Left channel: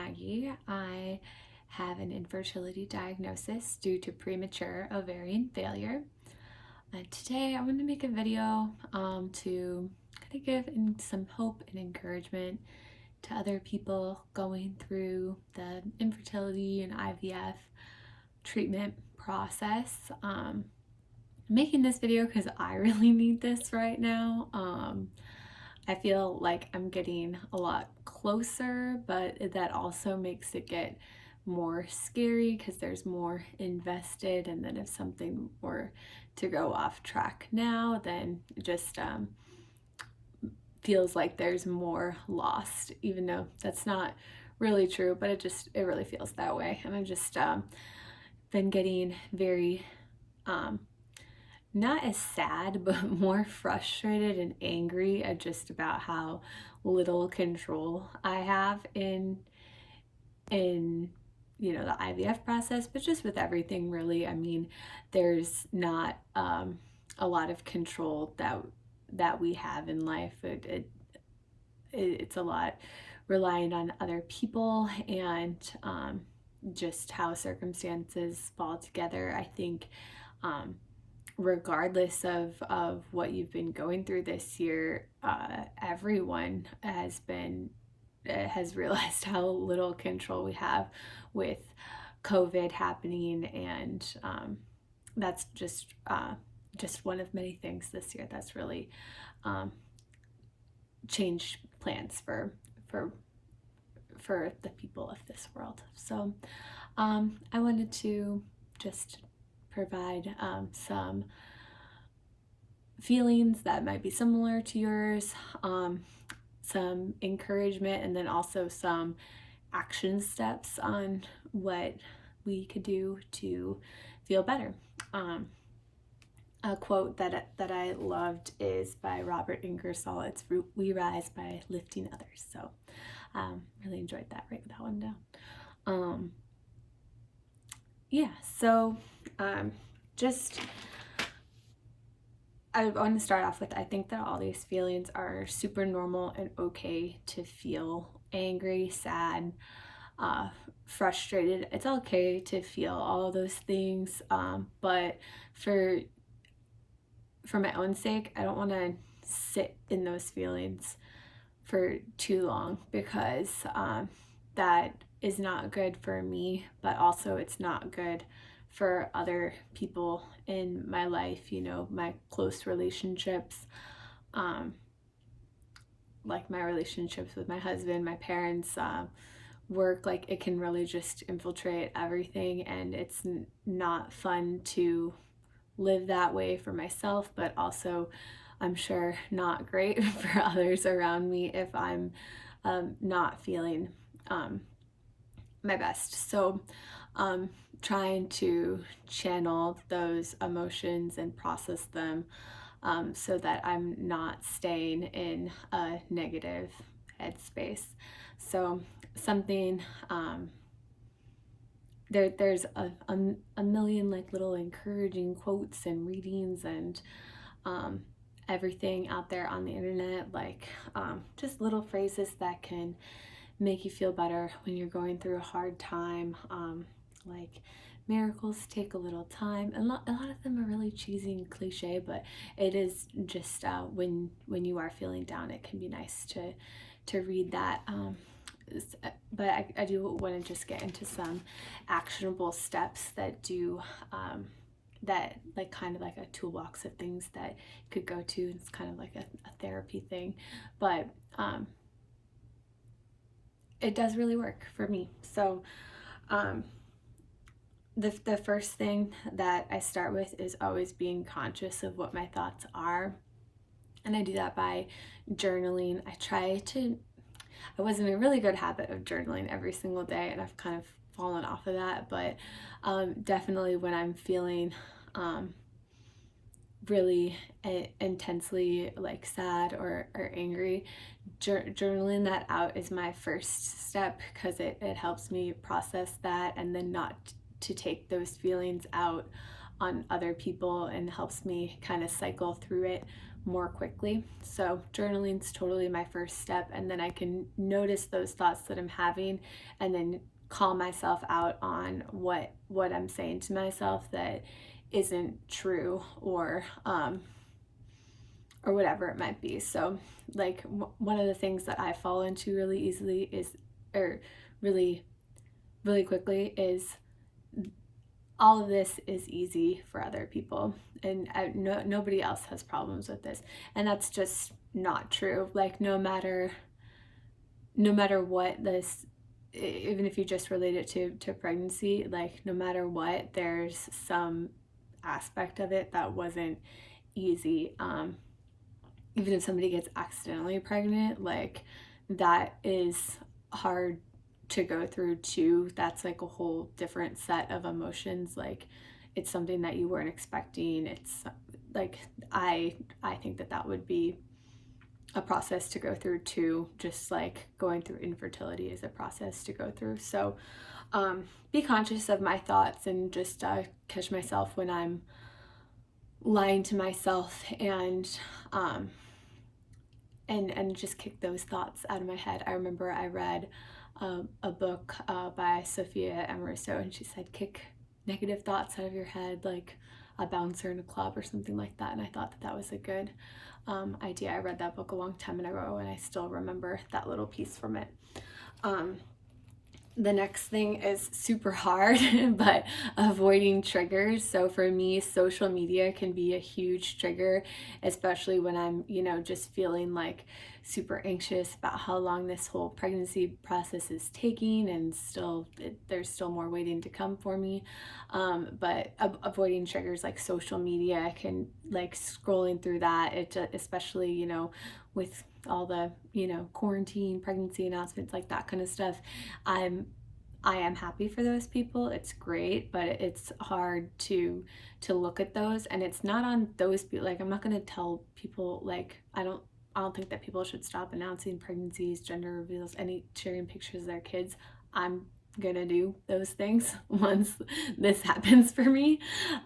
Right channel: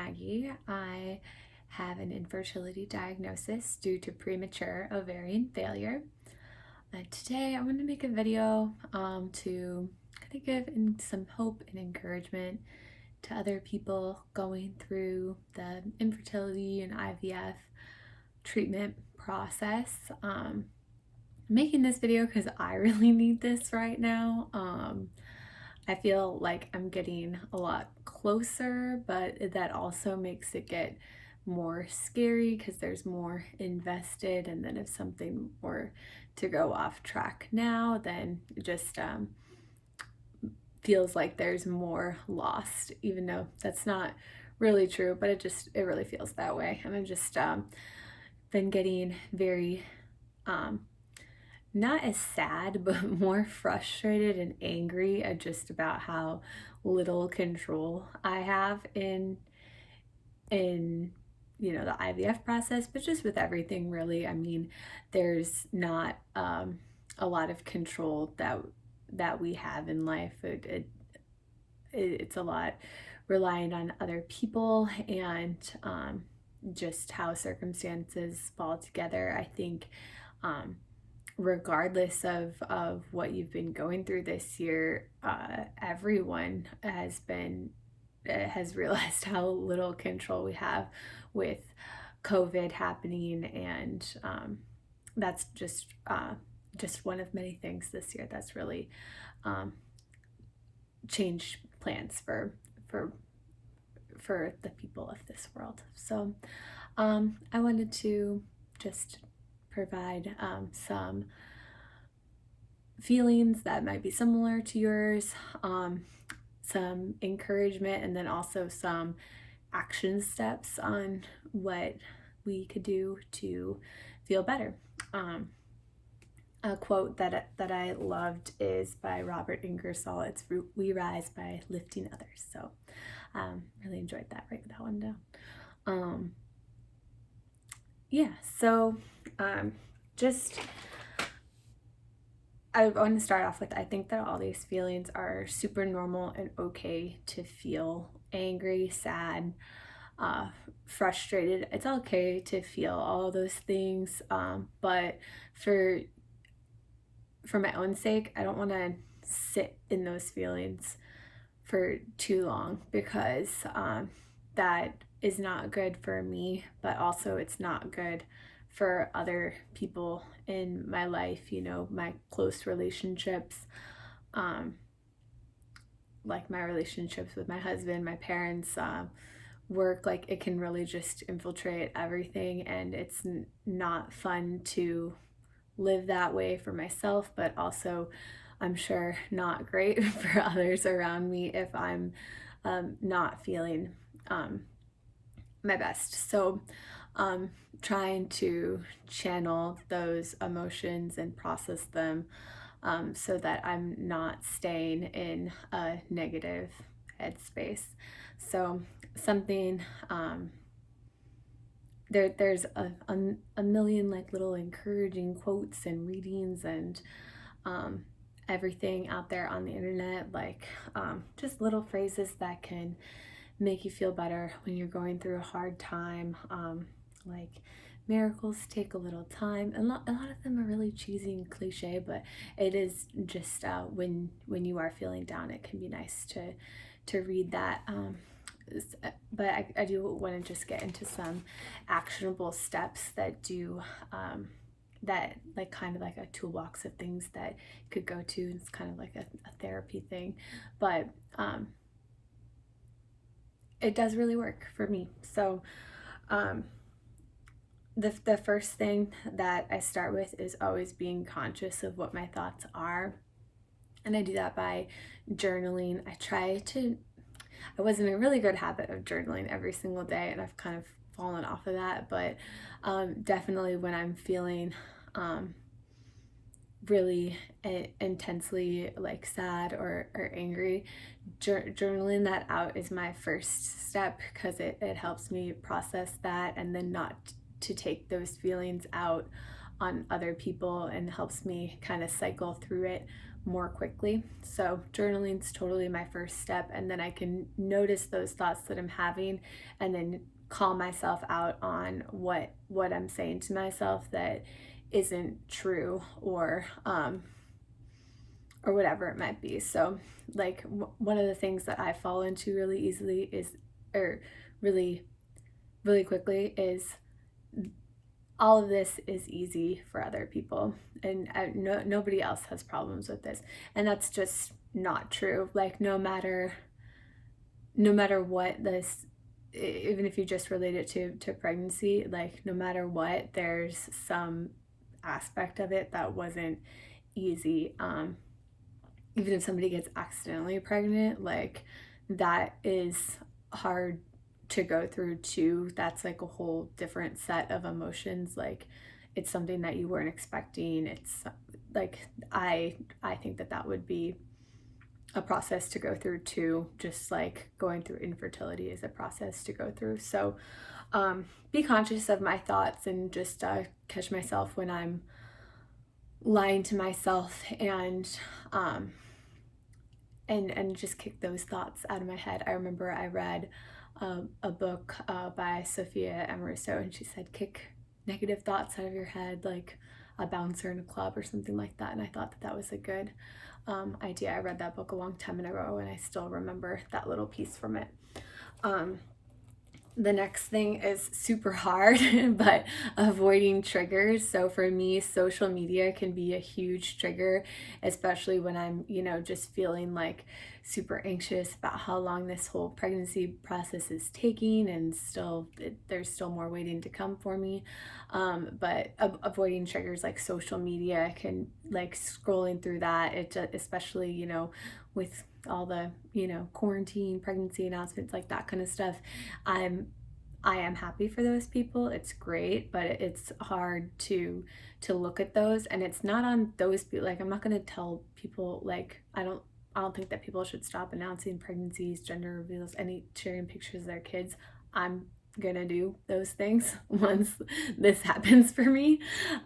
Maggie. I have an infertility diagnosis due to premature ovarian failure. Today I want to make a video to kind of give some hope and encouragement to other people going through the infertility and IVF treatment process. Making this video because I really need this right now. I feel like I'm getting a lot closer, but that also makes it get more scary because there's more invested, and then if something were to go off track now, then it just feels like there's more lost, even though that's not really true, but it really feels that way. And I've just been getting very not as sad, but more frustrated and angry at just about how little control I have in the IVF process, but just with everything really. I mean, there's not a lot of control that we have in life. It's a lot relying on other people and just how circumstances fall together. I think regardless of what you've been going through this year, everyone has realized how little control we have with COVID happening, and that's just one of many things this year that's really changed plans for the people of this world. So I wanted to just provide some feelings that might be similar to yours, some encouragement, and then also some action steps on what we could do to feel better. A quote that I loved is by Robert Ingersoll. It's "We rise by lifting others." So really enjoyed that. Write that one down. So I want to start off with, I think that all these feelings are super normal and okay to feel angry, sad, frustrated. It's okay to feel all of those things, but for my own sake, I don't want to sit in those feelings for too long, because that is not good for me, but also it's not good for other people in my life, my close relationships, like my relationships with my husband, my parents, work. Like, it can really just infiltrate everything, and it's not fun to live that way for myself, but also I'm sure not great for others around me if I'm not feeling my best. So trying to channel those emotions and process them so that I'm not staying in a negative headspace. So something there's a million like little encouraging quotes and readings and everything out there on the internet, like just little phrases that can make you feel better when you're going through a hard time, like miracles take a little time. And a lot of them are really cheesy and cliche, but it is just when you are feeling down, it can be nice to read that. But I do want to just get into some actionable steps that do that, like kind of like a toolbox of things that you could go to. It's kind of like a therapy thing, but it does really work for me. So the first thing that I start with is always being conscious of what my thoughts are, and I do that by journaling. I was in a really good habit of journaling every single day, and I've kind of fallen off of that, but definitely when I'm feeling really intensely like sad or angry, journaling that out is my first step, because it helps me process that, and then not to take those feelings out on other people, and helps me kind of cycle through it more quickly. So journaling's totally my first step, and then I can notice those thoughts that I'm having and then call myself out on what I'm saying to myself that isn't true, or whatever it might be. So like one of the things that I fall into really easily is, or really quickly, is all of this is easy for other people, and nobody else has problems with this. And that's just not true. Like no matter what this, even if you just relate it to pregnancy, like no matter what, there's some aspect of it that wasn't easy. Even if somebody gets accidentally pregnant, like that is hard to go through too. That's like a whole different set of emotions. Like it's something that you weren't expecting. It's like I think that would be a process to go through too, just like going through infertility is a process to go through. So be conscious of my thoughts, and just catch myself when I'm lying to myself, and just kick those thoughts out of my head. I remember I read a book by Sophia Amoruso, and she said, kick negative thoughts out of your head like a bouncer in a club or something like that. And I thought that was a good idea. I read that book a long time ago, and I still remember that little piece from it. The next thing is super hard, but avoiding triggers. So for me, social media can be a huge trigger, especially when I'm, just feeling like super anxious about how long this whole pregnancy process is taking, and there's still more waiting to come for me. But avoiding triggers like social media can, like scrolling through that, especially, with all the, quarantine, pregnancy announcements, like that kind of stuff. I am happy for those people. It's great, but it's hard to look at those, and it's not on those people. Like I'm not going to tell people, like I don't think that people should stop announcing pregnancies, gender reveals, any sharing pictures of their kids. I'm gonna do those things once this happens for me,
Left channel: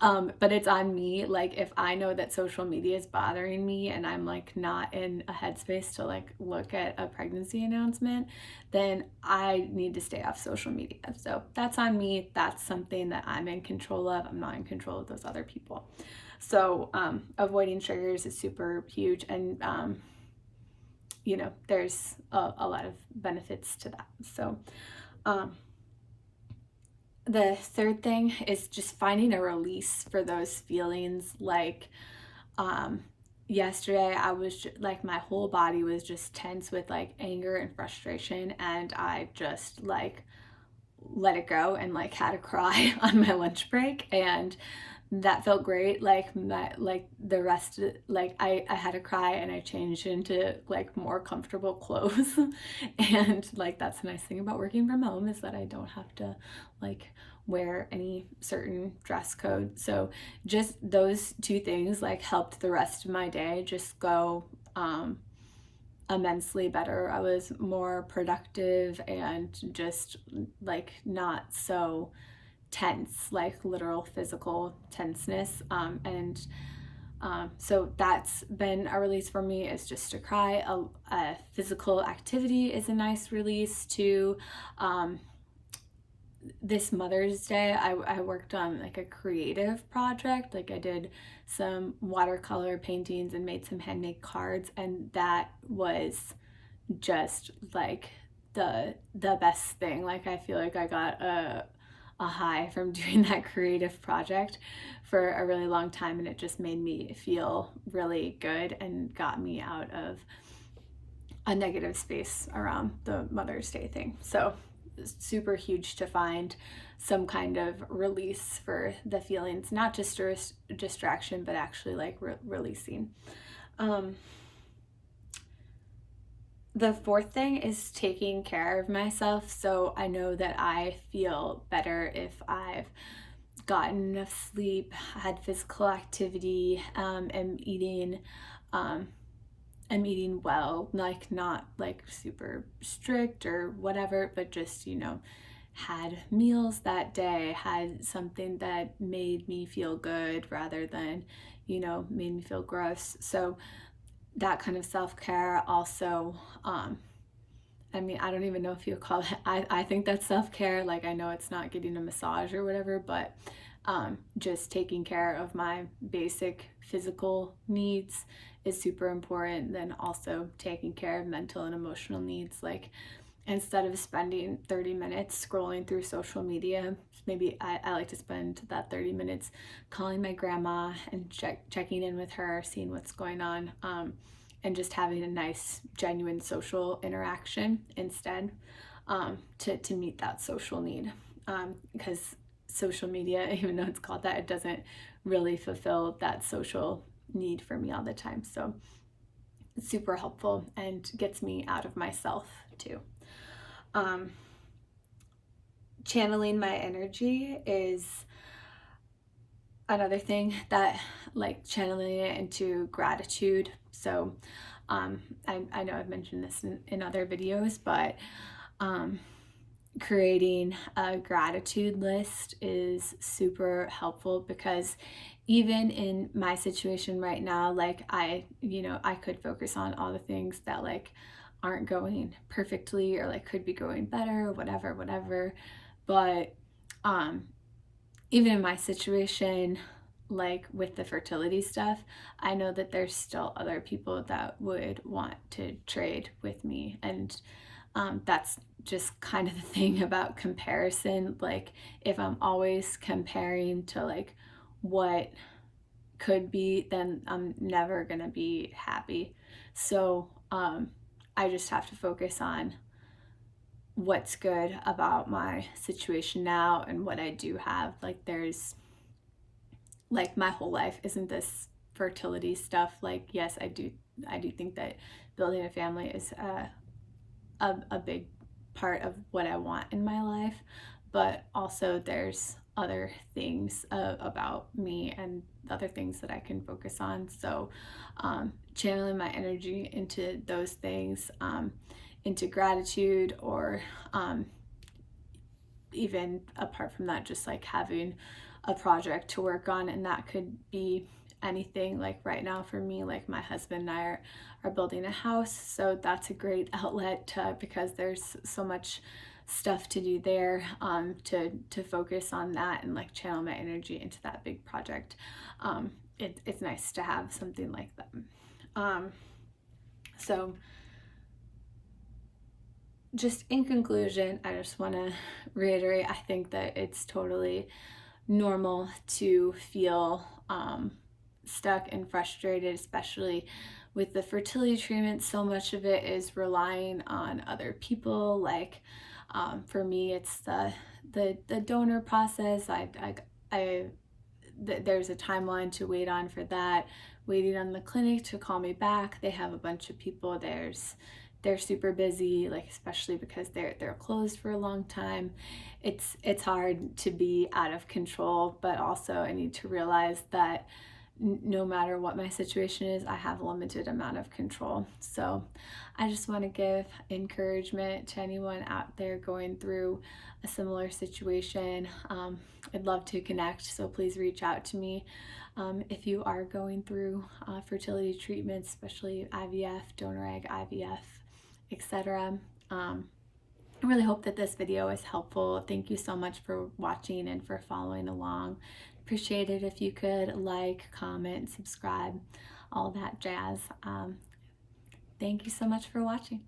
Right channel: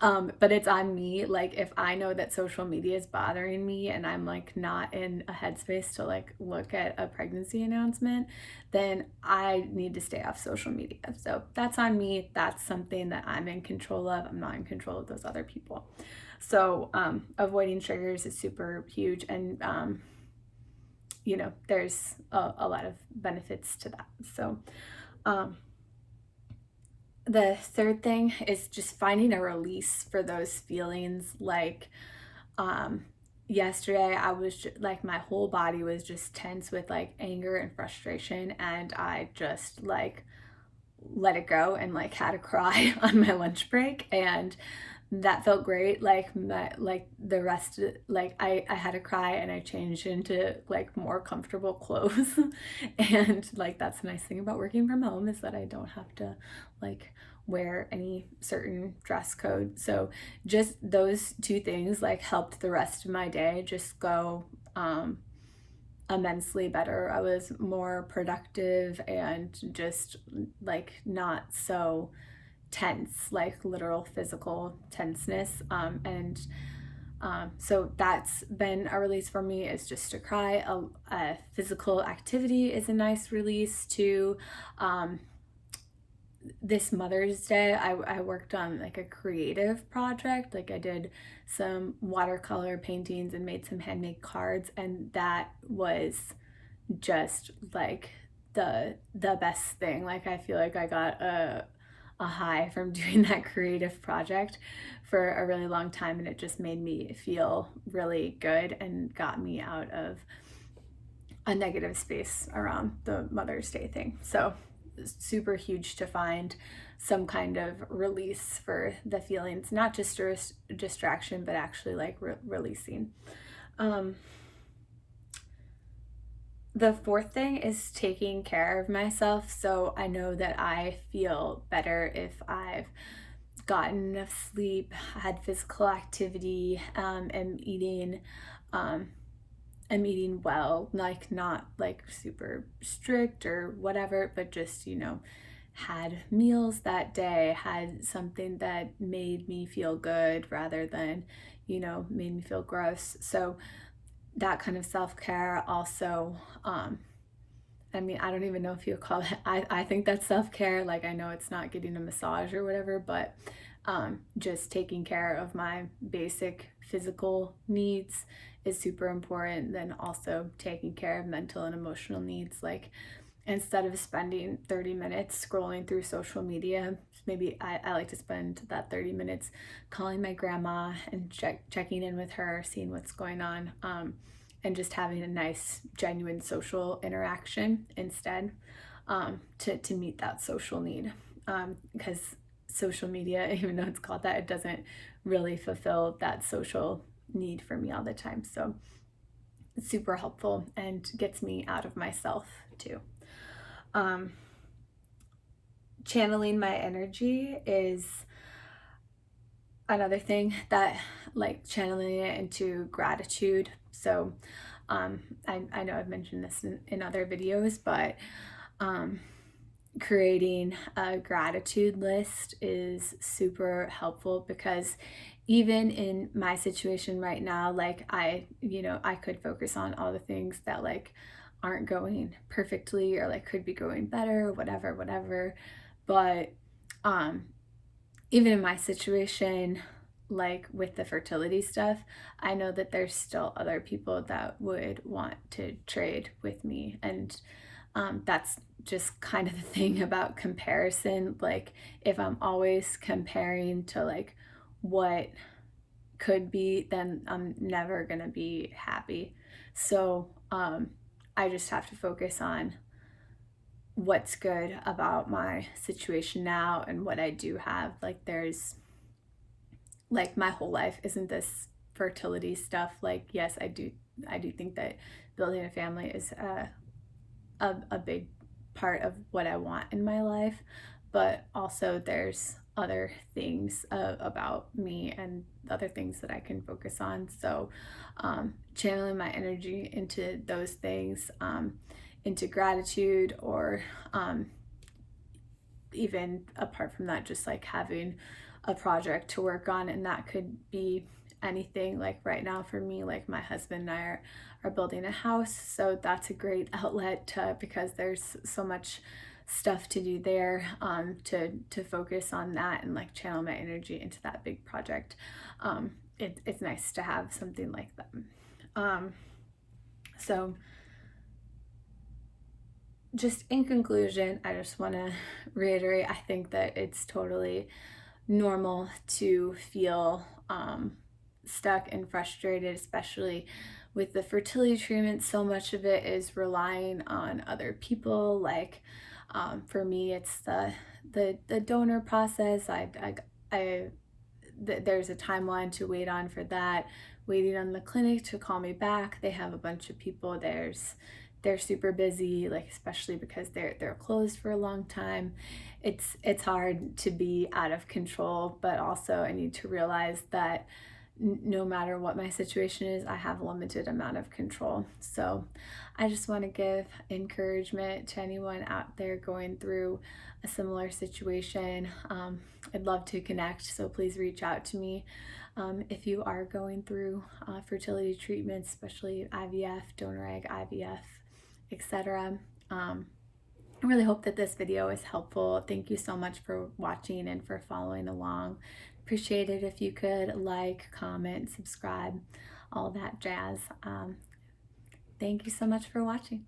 but it's on me. Like if I know that social media is bothering me and I'm like not in a headspace to like look at a pregnancy announcement, then I need to stay off social media. So that's on me. That's something that I'm in control of. I'm not in control of those other people. So avoiding triggers is super huge, and there's a lot of benefits to that. So the third thing is just finding a release for those feelings. Like yesterday I was just, like my whole body was just tense with like anger and frustration, and I just like let it go and like had a cry on my lunch break, and that felt great. Like the rest of, like I had a cry and I changed into like more comfortable clothes and like that's the nice thing about working from home, is that I don't have to like wear any certain dress code. So just those two things like helped the rest of my day just go immensely better. I was more productive and just like not so tense, like literal physical tenseness. So that's been a release for me, is just to cry. A physical activity is a nice release too. This Mother's Day, I worked on like a creative project. Like I did some watercolor paintings and made some handmade cards, and that was just like the best thing. Like I feel like I got a high from doing that creative project for a really long time, and it just made me feel really good and got me out of a negative space around the Mother's Day thing. So super huge to find some kind of release for the feelings, not just a distraction, but actually like releasing. The fourth thing is taking care of myself. So I know that I feel better if I've gotten enough sleep, had physical activity, am eating well, like not like super strict or whatever, but just had meals that day, had something that made me feel good rather than, made me feel gross. So that kind of self-care also, I mean, I don't even know if you call it, I think that's self-care. Like, I know it's not getting a massage or whatever, but just taking care of my basic physical needs is super important. Then also taking care of mental and emotional needs. Like, instead of spending 30 minutes scrolling through social media, maybe I like to spend that 30 minutes calling my grandma and checking in with her, seeing what's going on, and just having a nice, genuine social interaction instead, to meet that social need. Because social media, even though it's called that, it doesn't really fulfill that social need for me all the time. So it's super helpful and gets me out of myself too. Channeling my energy is another thing, that, like, channeling it into gratitude. So I know I've mentioned this in other videos, but creating a gratitude list is super helpful, because even in my situation right now, like, I could focus on all the things that, like, aren't going perfectly, or like could be going better, whatever. But even in my situation, like with the fertility stuff, I know that there's still other people that would want to trade with me. And that's just kind of the thing about comparison. Like, if I'm always comparing to like what could be, then I'm never gonna be happy. So I just have to focus on what's good about my situation now and what I do have. Like, there's, like, my whole life isn't this fertility stuff. Like, yes, I do think that building a family is a big part of what I want in my life, but also there's other things about me and other things that I can focus on. So channeling my energy into those things, into gratitude, or even apart from that, just like having a project to work on. And that could be anything. Like, right now for me, like, my husband and I are building a house, so that's a great outlet because there's so much stuff to do there, to focus on that and like channel my energy into that big project. It's nice to have something like that. So just in conclusion, I just want to reiterate, I think that it's totally normal to feel stuck and frustrated, especially with the fertility treatment. So much of it is relying on other people. Like, for me, it's the donor process. There's a timeline to wait on for that, waiting on the clinic to call me back. They have a bunch of people. They're super busy, like, especially because they're closed for a long time. It's hard to be out of control, but also I need to realize that no matter what my situation is, I have a limited amount of control. So I just want to give encouragement to anyone out there going through a similar situation. I'd love to connect, so please reach out to me if you are going through fertility treatments, especially IVF, donor egg IVF, etc. I really hope that this video is helpful. Thank you so much for watching and for following along. Appreciate it if you could like, comment, subscribe, all that jazz. Thank you so much for watching.